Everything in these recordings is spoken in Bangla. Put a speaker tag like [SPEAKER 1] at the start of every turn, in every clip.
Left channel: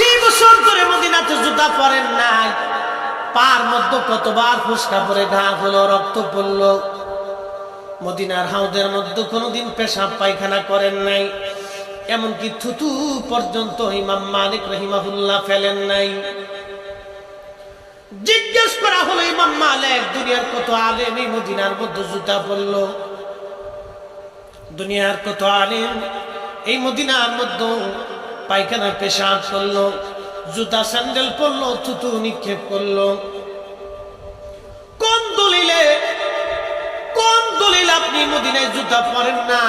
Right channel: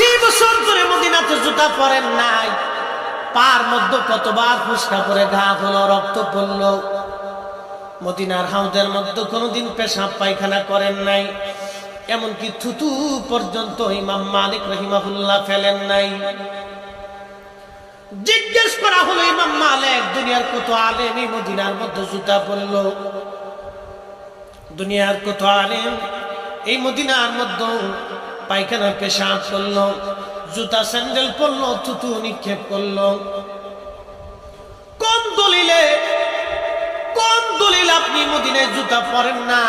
[SPEAKER 1] বছর ধরে মদিনাতে জুতা পরেন নাই। পার মধ্যে কতবার ফুসকা পরে ঘা হলো, রক্ত পড়ল। মদিনার হাউদের মধ্যে কোনোদিন পেশাব পায়খানা করেন নাই। এমনকি থুতু পর্যন্ত ইমাম মালিক রহিমাহুল্লাহ ফেলেন নাই। জিজ্ঞেস করা হলো, ইমাম মালিক, দুনিয়ার কত আলেম এই মদিনার মধ্যে জুতা পরল? দুনিয়ার কত আলেম এই মদিনার মধ্যে পায়খানা পেশাব করল, জুতা স্যান্ডেল পরলো, থুতু নিক্ষেপ করল। কোন দলিলে, কোন দলিল আপনি মদিনায় জুতা পরেন না,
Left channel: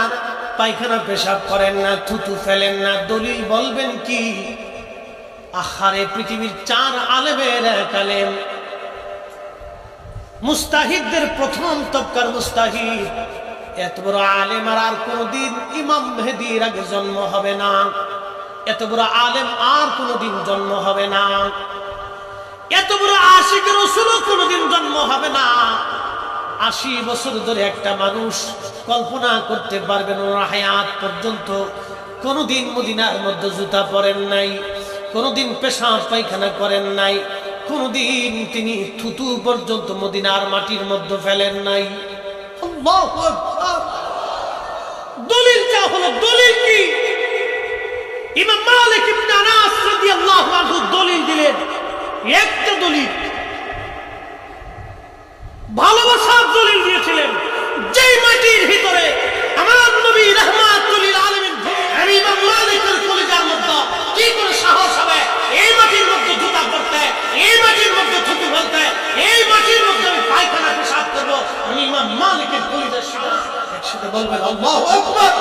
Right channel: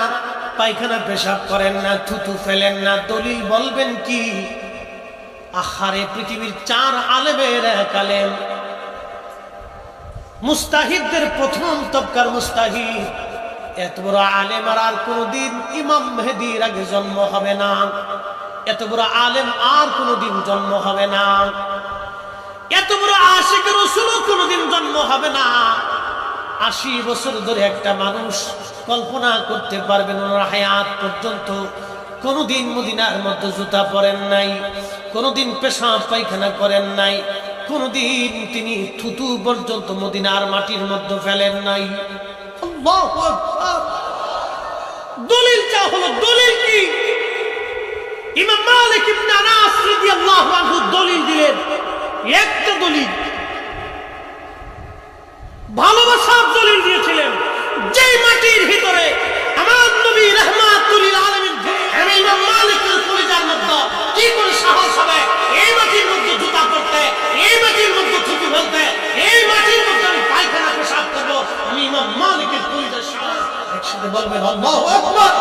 [SPEAKER 1] পায়খানা পেশাব করেন না, থুতু ফেলেন না? দলিল বলবেন কি? আহারে পৃথিবীর চার আলেমের এক আলেম। মুস্তাহিদদের প্রথম তবকার মুস্তাহিদ। এত বড় আলেম আর কোনোদিন ইমাম মেহেদির আগে জন্ম হবে না। এত বড় আলেম আর কোনোদিন জন্ম হবে না। এত বড় আশিক রসুলও কোনোদিন জন্ম হবে না। আশি বছর ধরে একটা মানুষ কল্পনা করতে পারবেন ওনার হায়াত পর্যন্ত। কোনোদিন মদিনার মধ্যে জুতা পরেন নাই, কোনোদিন পেশাব পায়খানা করেন নাই, কোনোদিন তিনি থুতু পর্যন্ত মদিনার মাটির মধ্যে ফেলেন নাই। দলিলটা হলো দলিল কি? মালিক ইবনে আনাস রাদিয়াল্লাহু আনহু দলিল দিলেন, একটা দলিল। ভালোবাসার দলিল দিয়েছিলেন, যেই মাটির ভিতরে আমার নবী রহমাতুল আলমিন আমি ইমাম মালিকের কলিজার মধ্যে কি করে সাহস হবে? এই মাটির মধ্যে জুতা পরতে, এই মাটির মধ্যে থুতু ফেলতে, এই মাটির মধ্যে আমি পায়খানা পেশাব করব, আমি ইমাম মালিকের কলিজার সাহস। একসাথে বলবেন, আল্লাহু আকবার!